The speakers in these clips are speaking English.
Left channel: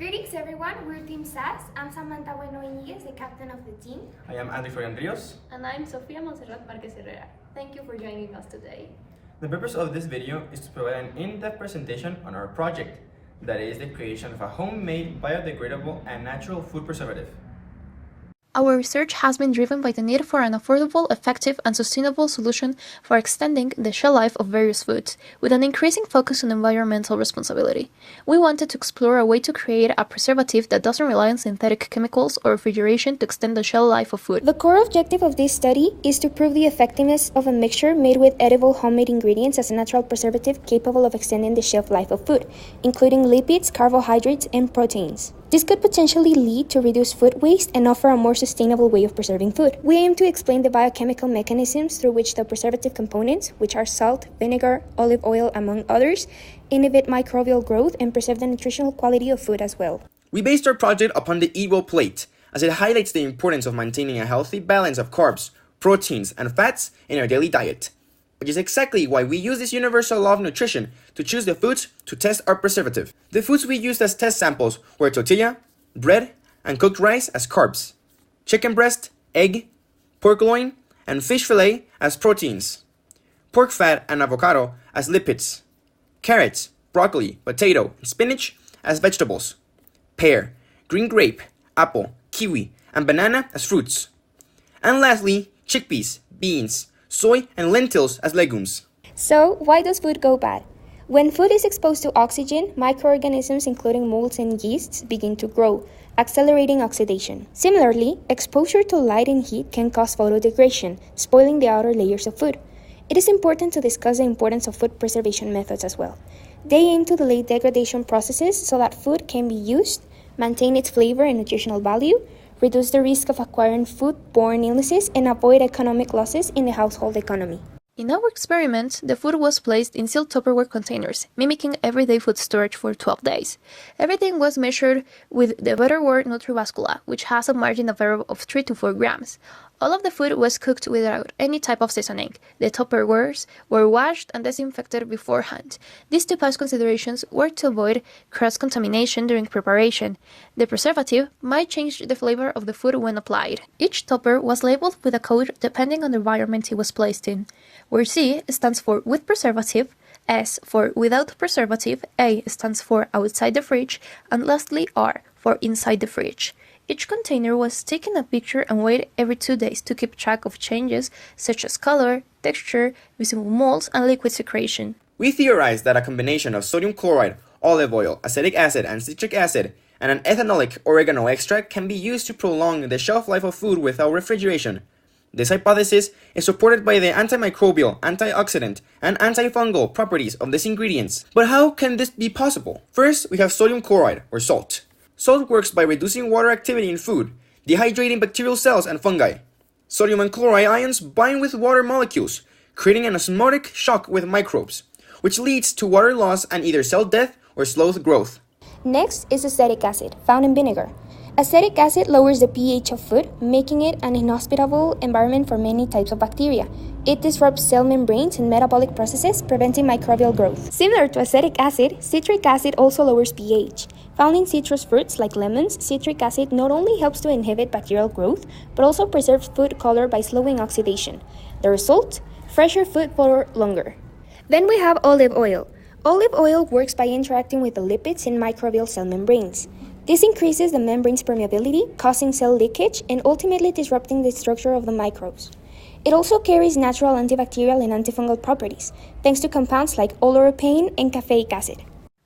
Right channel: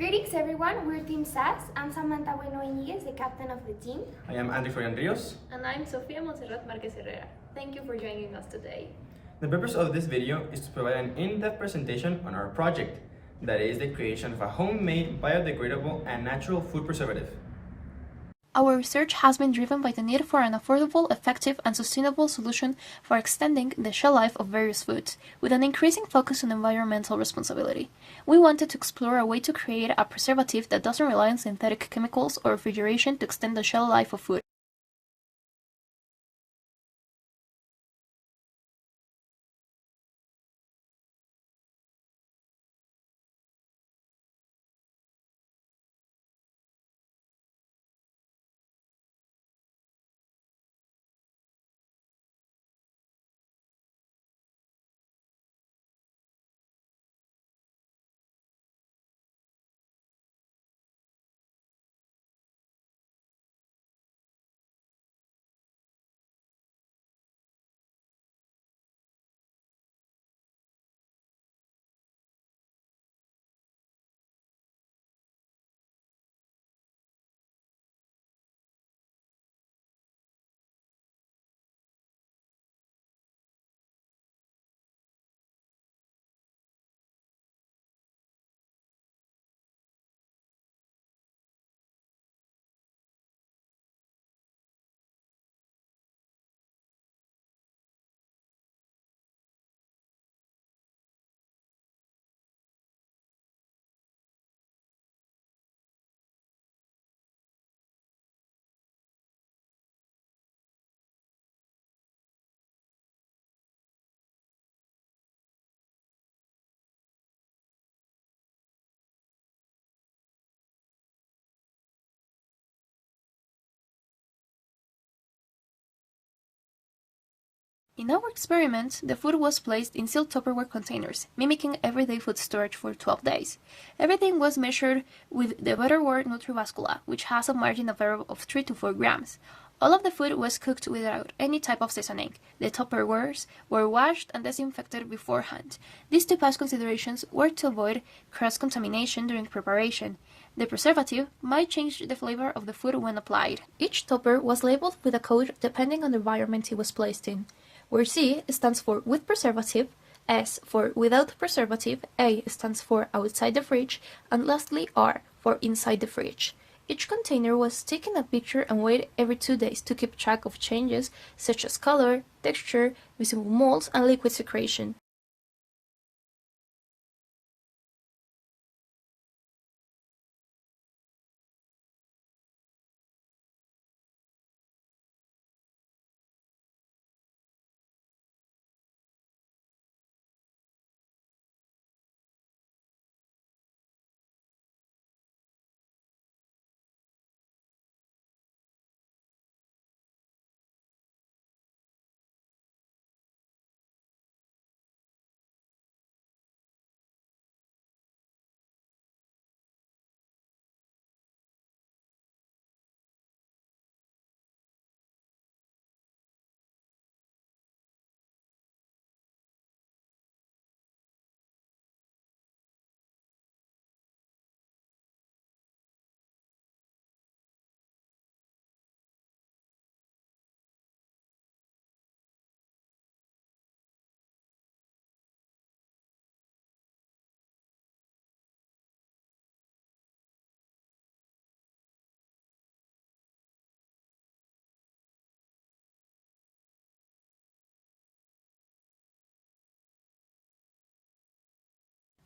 Greetings everyone, we're Team SAS. I'm Samantha Bueno Iniguez, the captain of the team. I am Andy Florian Rios. And I'm Sofia Monserrat Marquez Herrera. Thank you for joining us today. The purpose of this video is to provide an in-depth presentation on our project, that is the creation of a homemade, biodegradable, and natural food preservative. Our research has been driven by the need for an affordable, effective, and sustainable solution for extending the shelf life of various foods, with an increasing focus on environmental responsibility. We wanted to explore a way to create a preservative that doesn't rely on synthetic chemicals or refrigeration to extend the shelf life of food. The core objective of this study is to prove the effectiveness of a mixture made with edible homemade ingredients as a natural preservative capable of extending the shelf life of food, including lipids, carbohydrates, and proteins. This could potentially lead to reduced food waste and offer a more sustainable way of preserving food. We aim to explain the biochemical mechanisms through which the preservative components, which are salt, vinegar, olive oil, among others, inhibit microbial growth and preserve the nutritional quality of food as well. We based our project upon the Eat Well plate, as it highlights the importance of maintaining a healthy balance of carbs, proteins, and fats in our daily diet, which is exactly why we use this universal law of nutrition to choose the foods to test our preservative. The foods we used as test samples were tortilla, bread, and cooked rice as carbs, chicken breast, egg, pork loin, and fish fillet as proteins, pork fat and avocado as lipids, carrots, broccoli, potato, and spinach as vegetables, pear, green grape, apple, kiwi, and banana as fruits, and lastly, chickpeas, beans, soy, and lentils as legumes. So, why does food go bad? When food is exposed to oxygen, microorganisms including molds and yeasts begin to grow, accelerating oxidation. Similarly, exposure to light and heat can cause photodegradation, spoiling the outer layers of food. It is important to discuss the importance of food preservation methods as well. They aim to delay degradation processes so that food can be used, maintain its flavor and nutritional value, reduce the risk of acquiring food-borne illnesses, and avoid economic losses in the household economy. In our experiment, the food was placed in sealed Tupperware containers, mimicking everyday food storage for 12 days. Everything was measured with the Betterware Nutribascula, which has a margin of error of 3 to 4 grams. All of the food was cooked without any type of seasoning. The Tupperwares were washed and disinfected beforehand. These two past considerations were to avoid cross-contamination during preparation. The preservative might change the flavor of the food when applied. Each tupper was labeled with a code depending on the environment it was placed in, where C stands for with preservative, S for without preservative, A stands for outside the fridge, and lastly R for inside the fridge. Each container was taken a picture and weighed every 2 days to keep track of changes such as color, texture, visible molds, and liquid secretion. We theorized that a combination of sodium chloride, olive oil, acetic acid, and citric acid, and an ethanolic oregano extract can be used to prolong the shelf life of food without refrigeration. This hypothesis is supported by the antimicrobial, antioxidant, and antifungal properties of these ingredients. But how can this be possible? First, we have sodium chloride, or salt. Salt works by reducing water activity in food, dehydrating bacterial cells and fungi. Sodium and chloride ions bind with water molecules, creating an osmotic shock with microbes, which leads to water loss and either cell death or slows growth. Next is acetic acid, found in vinegar. Acetic acid lowers the pH of food, making it an inhospitable environment for many types of bacteria. It disrupts cell membranes and metabolic processes, preventing microbial growth. Similar to acetic acid, citric acid also lowers pH. Found in citrus fruits like lemons, citric acid not only helps to inhibit bacterial growth, but also preserves food color by slowing oxidation. The result? Fresher food for longer. Then we have olive oil. Olive oil works by interacting with the lipids in microbial cell membranes. This increases the membrane's permeability, causing cell leakage and ultimately disrupting the structure of the microbes. It also carries natural antibacterial and antifungal properties, thanks to compounds like oleuropein and caffeic acid.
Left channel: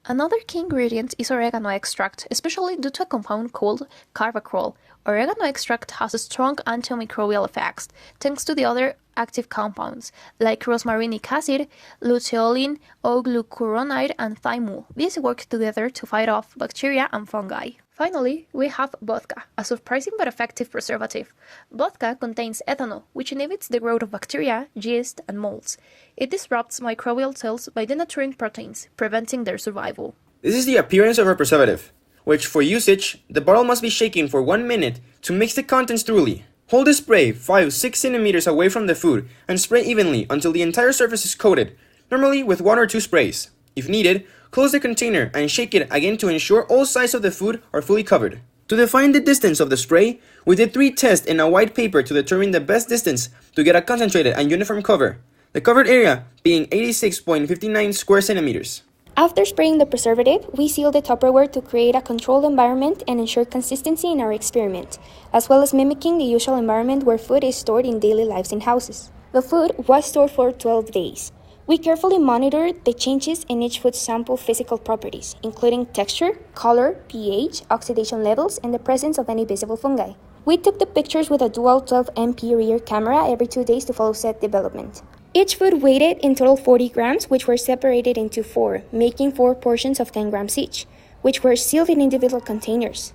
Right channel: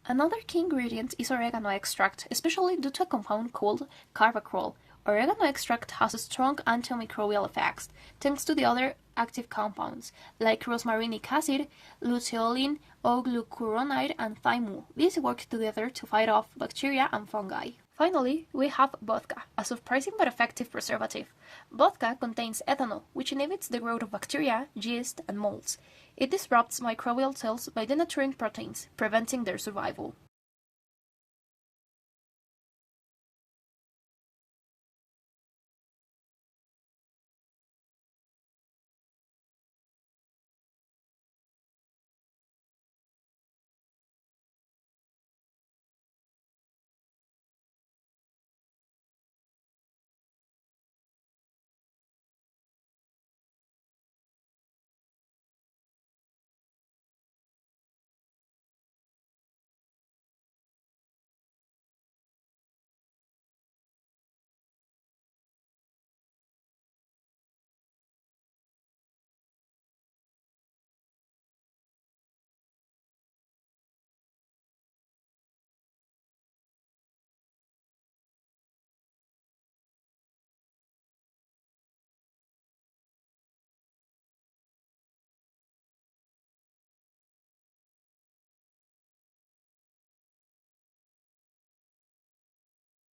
Another key ingredient is oregano extract, especially due to a compound called carvacrol. Oregano extract has strong antimicrobial effects, thanks to the other active compounds, like rosmarinic acid, luteolin, O-glucuronide, and thymol. These work together to fight off bacteria and fungi. Finally, we have vodka, a surprising but effective preservative. Vodka contains ethanol, which inhibits the growth of bacteria, yeast, and molds. It disrupts microbial cells by denaturing proteins, preventing their survival. This is the appearance of our preservative, which for usage, the bottle must be shaken for 1 minute to mix the contents thoroughly. Hold the spray 5-6 centimeters away from the food and spray evenly until the entire surface is coated, normally with 1 or 2 sprays. If needed, Close the container and shake it again to ensure all sides of the food are fully covered. To define the distance of the spray, we did 3 tests in a white paper to determine the best distance to get a concentrated and uniform cover, the covered area being 86.59 square centimeters. After spraying the preservative, we sealed the Tupperware to create a controlled environment and ensure consistency in our experiment, as well as mimicking the usual environment where food is stored in daily lives in houses. The food was stored for 12 days. We carefully monitored the changes in each food sample physical properties, including texture, color, pH, oxidation levels, and the presence of any visible fungi. We took the pictures with a dual 12MP rear camera every 2 days to follow set development. Each food weighed in total 40 grams, which were separated into 4, making 4 portions of 10 grams each, which were sealed in individual containers.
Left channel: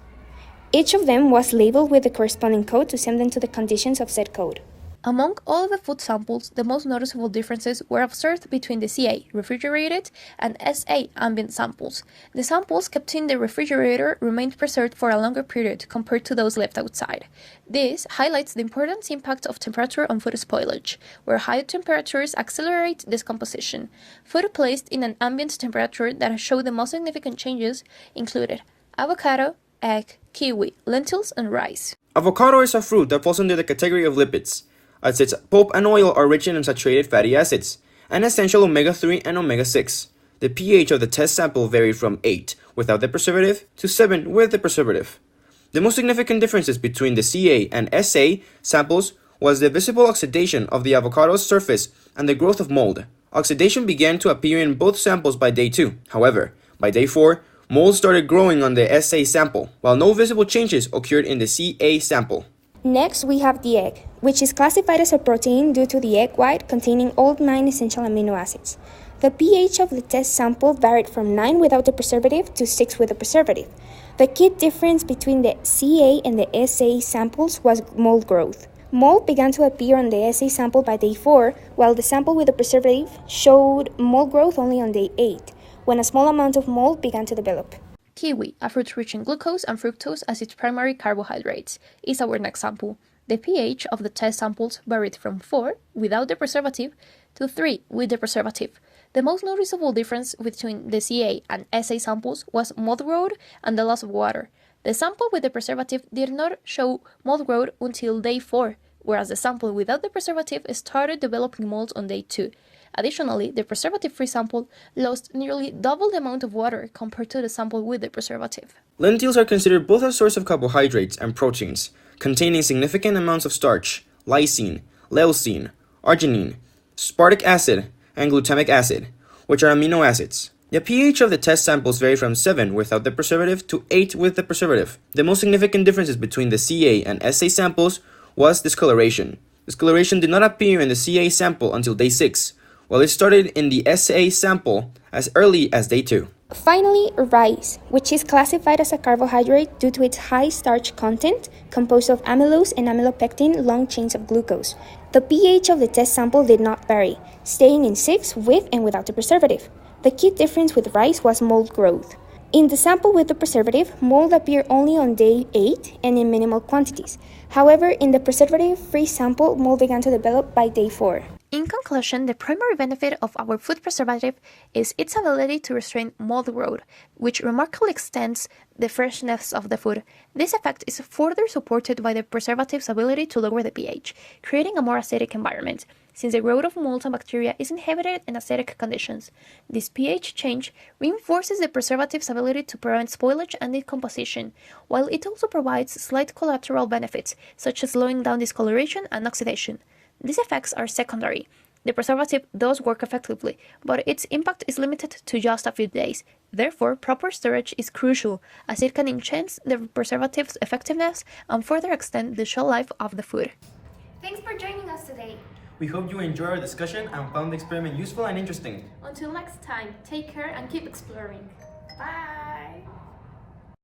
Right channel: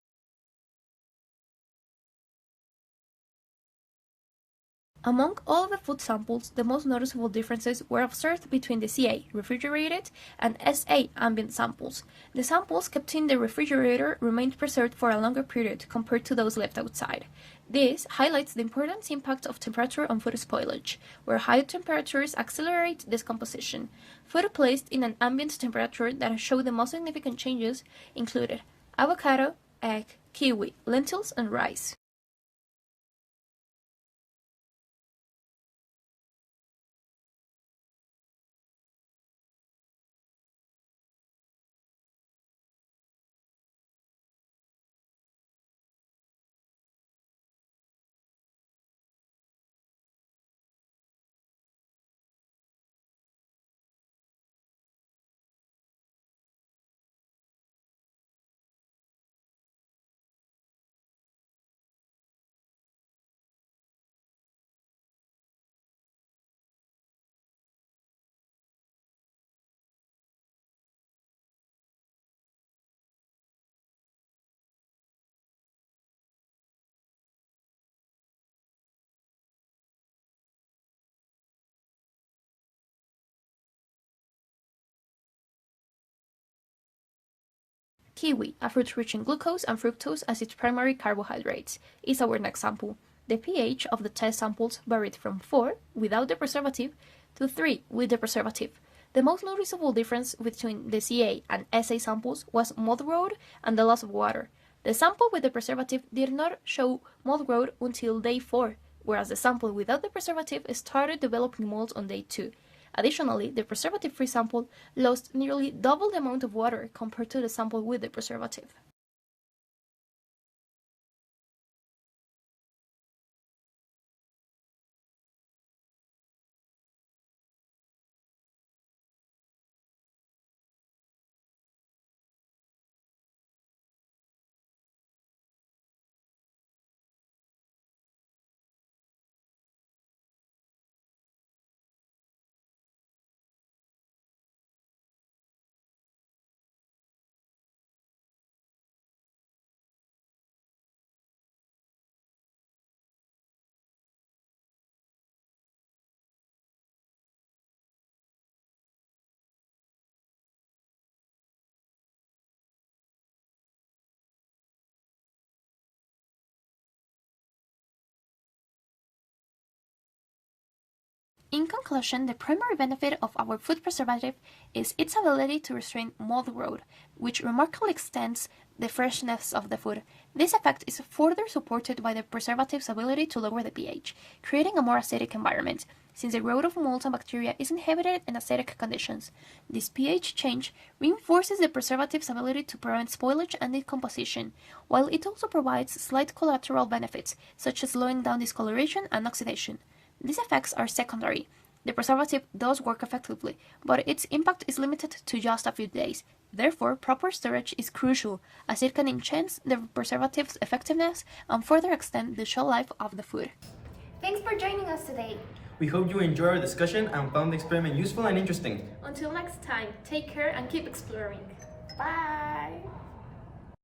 Each of them was labeled with the corresponding code to send them to the conditions of said code. Among all the food samples, the most noticeable differences were observed between the CA refrigerated and SA ambient samples. The samples kept in the refrigerator remained preserved for a longer period compared to those left outside. This highlights the important impact of temperature on food spoilage, where high temperatures accelerate decomposition. Food placed in an ambient temperature that showed the most significant changes included avocado, egg, kiwi, lentils, and rice. Avocado is a fruit that falls under the category of lipids, as its pulp and oil are rich in unsaturated fatty acids, and essential omega-3 and omega-6. The pH of the test sample varied from 8 without the preservative to 7 with the preservative. The most significant differences between the CA and SA samples was the visible oxidation of the avocado's surface and the growth of mold. Oxidation began to appear in both samples by day 2. However, by day 4, mold started growing on the SA sample, while no visible changes occurred in the CA sample. Next, we have the egg, which is classified as a protein due to the egg white containing all 9 essential amino acids. The pH of the test sample varied from 9 without the preservative to 6 with the preservative. The key difference between the CA and the SA samples was mold growth. Mold began to appear on the SA sample by day 4, while the sample with the preservative showed mold growth only on day 8, when a small amount of mold began to develop. Kiwi, a fruit rich in glucose and fructose as its primary carbohydrates, is our next sample. The pH of the test samples varied from 4 without the preservative to 3 with the preservative. The most noticeable difference between the CA and SA samples was mold growth and the loss of water. The sample with the preservative did not show mold growth until day 4, whereas the sample without the preservative started developing molds on day 2. Additionally, the preservative-free sample lost nearly double the amount of water compared to the sample with the preservative. Lentils are considered both a source of carbohydrates and proteins, containing significant amounts of starch, lysine, leucine, arginine, aspartic acid, and glutamic acid, which are amino acids. The pH of the test samples vary from 7 without the preservative to 8 with the preservative. The most significant differences between the CA and SA samples was discoloration. Discoloration did not appear in the CA sample until day 6, while it started in the SA sample as early as day 2. Finally, rice, which is classified as a carbohydrate due to its high starch content, composed of amylose and amylopectin long chains of glucose. The pH of the test sample did not vary, staying in 6 with and without the preservative. The key difference with rice was mold growth. In the sample with the preservative, mold appeared only on day 8 and in minimal quantities. However, in the preservative-free sample, mold began to develop by day 4. In conclusion, the primary benefit of our food preservative is its ability to restrain mold growth, which remarkably extends the freshness of the food. This effect is further supported by the preservative's ability to lower the pH, creating a more acidic environment, since the growth of molds and bacteria is inhibited in acidic conditions. This pH change reinforces the preservative's ability to prevent spoilage and decomposition, while it also provides slight collateral benefits, such as slowing down discoloration and oxidation. These effects are secondary. The preservative does work effectively, but its impact is limited to just a few days. Therefore, proper storage is crucial, as it can enhance the preservative's effectiveness and further extend the shelf life of the food. Thanks for joining us today. We hope you enjoyed our discussion and found the experiment useful and interesting. Until next time, take care and keep exploring. Bye!